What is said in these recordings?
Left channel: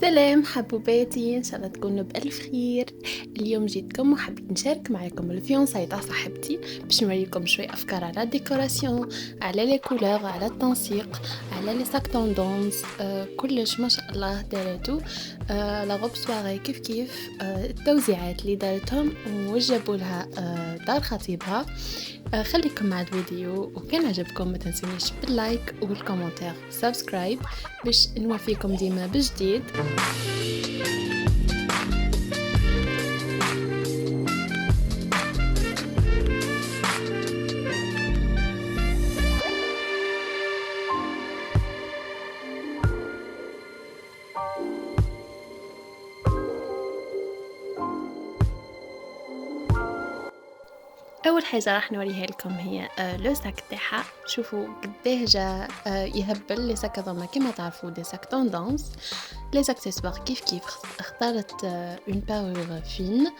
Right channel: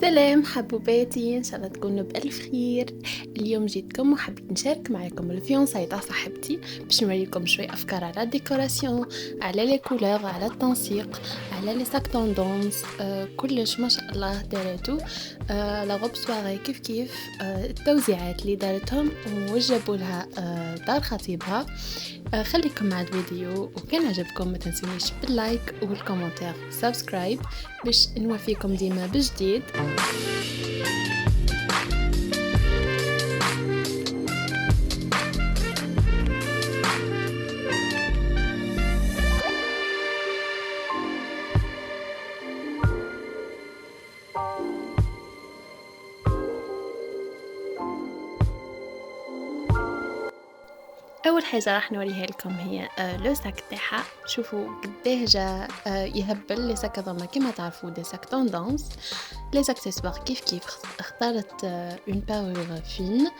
سلام حبوباتي، إن شاء الله تكونوا بألف خير. اليوم جيتكم وحبيت نشارك معكم الفيونساي تاع صاحبتي باش نوريكم شوية أفكار على الديكوراسيون، على لي كولور، على التنسيق، على لي ساك توندونس. كلش ما شاء الله دارتو. لا غوب سواري كيف كيف. التوزيعات اللي دارتهم وجابوا لها دار خطيبها. خليكم مع الفيديو، وكان عجبكم ما تنسونيش باللايك والكومنتير سبسكرايب باش نوفيكم ديما بجديد. اول حاجه راح نوريها لكم هي لو ساك تاعها. شوفوا قداه جا يهبل لي ساك هذوما كيما تعرفوا دي ساك توندونس. لي زاكسيسوار كيف كيف اختارت اون بارور فين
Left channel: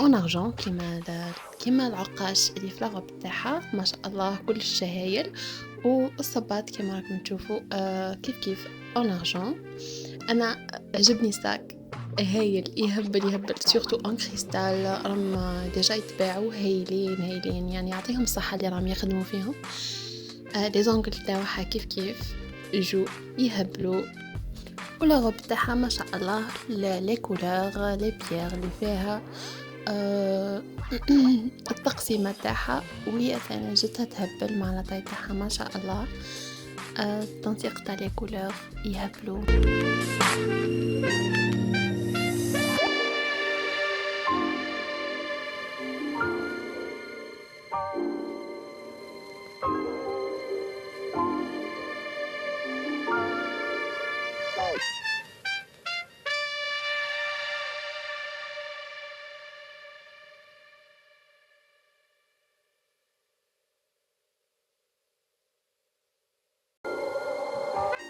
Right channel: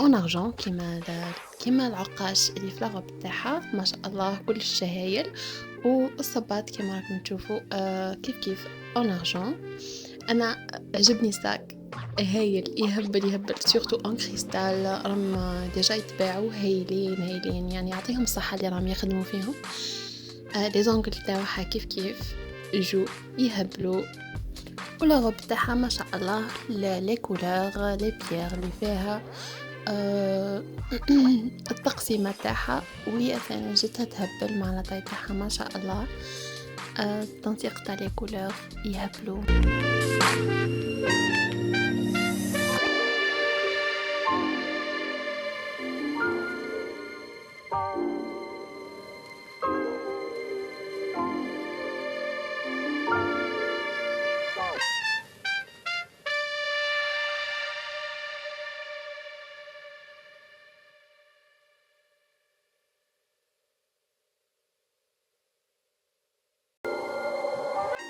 اون ارجون كيما العقاش اللي في لاغوب تاعها، ما شاء الله كلش شهايل. والصباط كيما راكم تشوفوا كيف كيف اون ارجون. انا عجبني ساك هايل، يهبل سورتو اون كريستال. راهم ديجا يتباعوا هايلين يعني يعطيهم الصحه اللي راهم يخدموا فيهم. لي زونغل تاعها كيف كيف جو يهبلوا. ولا غوب تاعها ما شاء الله، لي كولور لي بيير اللي فيها التقسيمه تاعها، وهي ثاني جتها تهبل مع لاطاي تاعها ما شاء الله. التنسيق تاع لي كولور يهبلوا.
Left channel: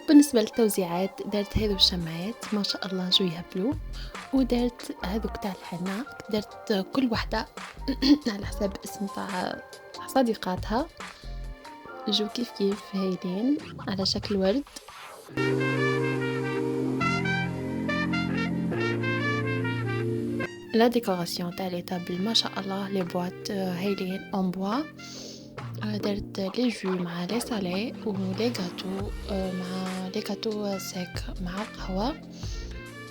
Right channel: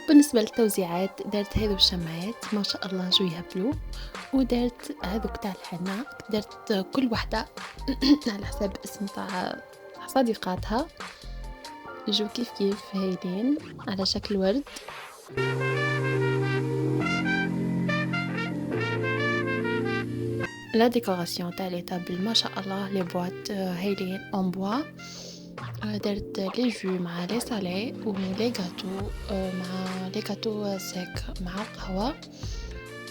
بالنسبة للتوزيعات دارت هذو الشمعات ما شاء الله جو يهبلوا، ودارت هذوك تاع الحنة، دارت كل وحدة على حساب اسم تاع صديقاتها. جو كيف كيف هايلين على شكل ورد. لا ديكوراسيون تاع لي طابل ما شاء الله، لي بواط هايلين اون بوا. درت لي جو مع لي سالي ولي غاتو، مع لي غاتو سيك مع القهوة.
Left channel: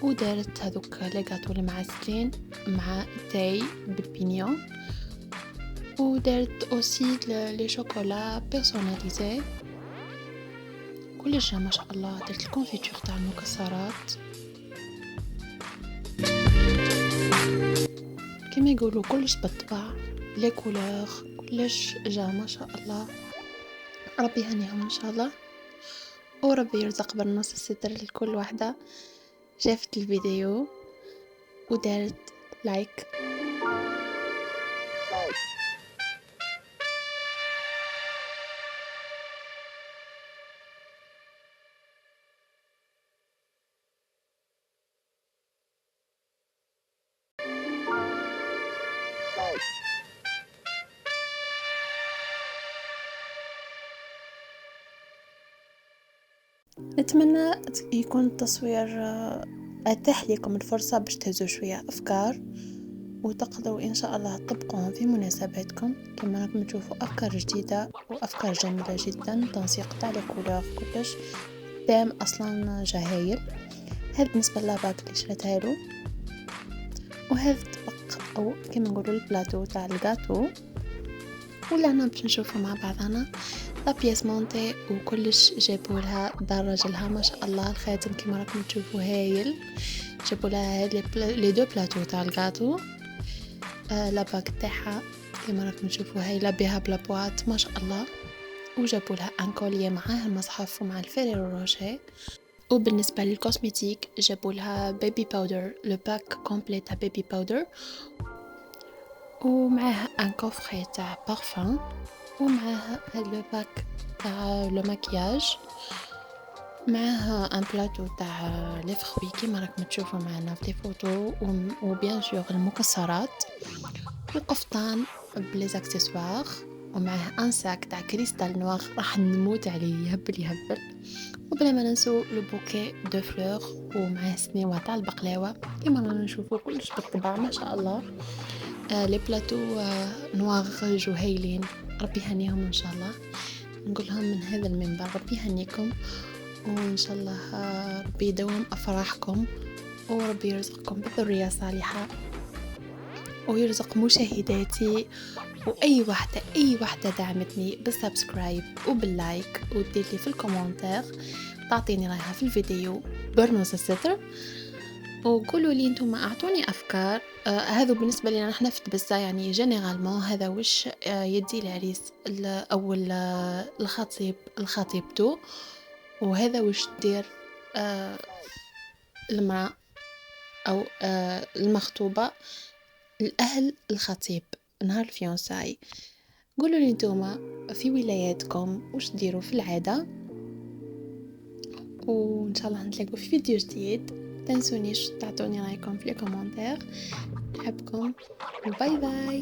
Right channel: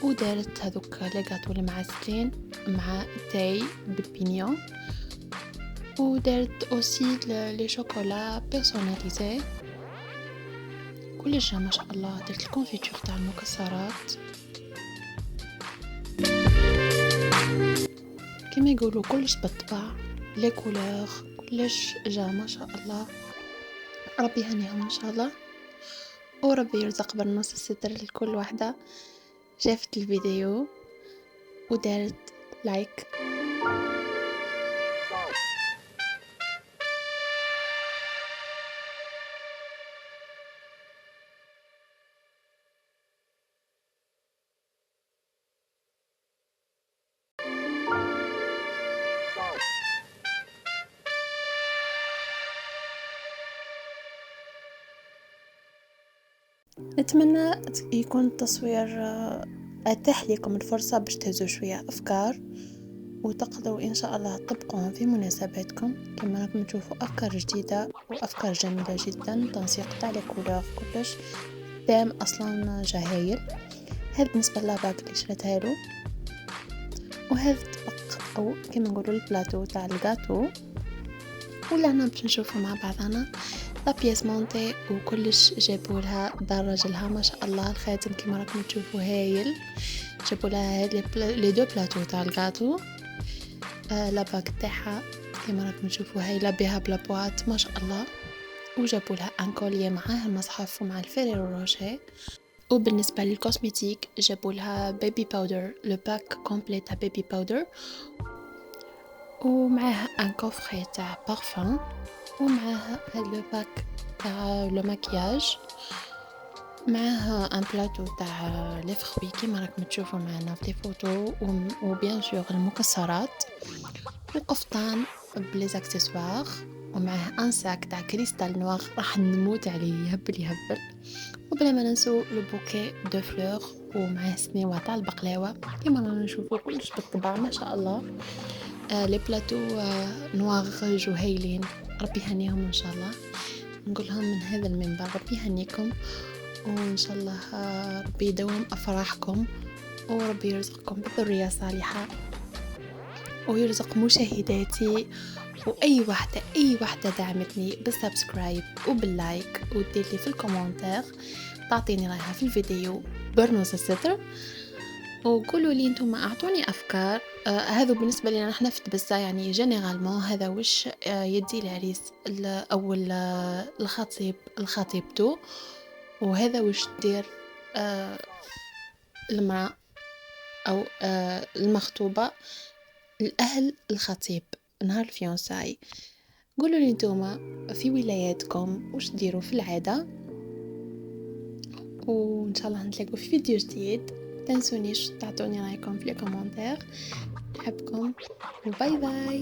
ودارت هذوك لي غاتو المعسلين مع تاي بالبينيون. ودارت اوسي لي شوكولا بيرسوناليزي كلش ما شاء الله. درت الكونفيتور تاع المكسرات كما يقولوا كلش بالطبع. لي كولور كلش جا ما شاء الله. ربي يهنيهم ان شاء الله، وربي يرزق بالنص الستر لكل واحدة شافت الفيديو ودارت لايك. نتمنى يكون التصوير اتاح لكم الفرصة باش تهزوا شوية افكار، وتقدروا ان شاء الله تطبقوهم في مناسباتكم. كما راكم تشوفوا افكار جديدة وافكار جميلة جدا. تنسيق تاع لي كولور كلش دام اصلا جهايل. هذا بالنسبة للاباك اللي شريتها له، وهذا الطبق او كما نقولوا البلاطو تاع الغاتو. ولهنا باش نشوفوا مع بعضنا لا بياس مونتي وكلش. جابوا لها دراج لها ما شاء الله الخاتم كما راكم تشوفوا هايل. جابوا لها لي دو بلاطو تاع الغاتو. لا باك تاعها كما راكم تشوفوا هايله بها بلا بواط ما شاء الله. وجابوا لها ان كوليه معاه المصحف ومع الفيريرو روشيه. وبالنسبه للكوسميتيك جابوا لها بيبي باودر، لو باك كومبلي تاع بيبي باودر، ومعها ان كوفري تاع بارفان، ومعها هاد لو باك تاع لو ماكياج، معها ان بلاطو تاع لي فروي كيما راكم تشوفوا معنا في لي فوتو، وبيان سور المكسرات، وقفطان بلي زاكسيسوار، ومعه ان ساك تاع كريستال نوار راح نموت عليه يهبل. وبلا ما ننسوا لو بوكي دو فلور ومعاه سنيوة تاع البقلاوة كيما رانا نشوفوا كلش بالطبع ما شاء الله. لي بلاتو نواغ هايلين، ربي يهنيهم ان شاء الله. نقولهم من هذا المنبر ربي يهنيكم، وان شاء الله ربي يدوم افراحكم، وربي يرزقكم بالذرية الصالحة، ويرزق مشاهداتي اي واحده دعمتني بالسبسكرايب وباللايك ودير لي في الكومنتير، تعطيني رايها في الفيديو برنوس الستر، وقولوا لي انتم اعطوني افكار. هذا بالنسبه لنا نحن في تبسه، يعني جينيرالمون هذا وش يدي العريس او الخطيبته، وهذا وش دير المرأة او المخطوبه الاهل الخطيب نهار الفيونساي. قولوا لي نتوما في ولاياتكم وش ديروا في العاده، وان شاء الله نتلاقوا في فيديو جديد. تنسونيش تعطوني رايكم في الكومنتير. نحبكم وباي باي.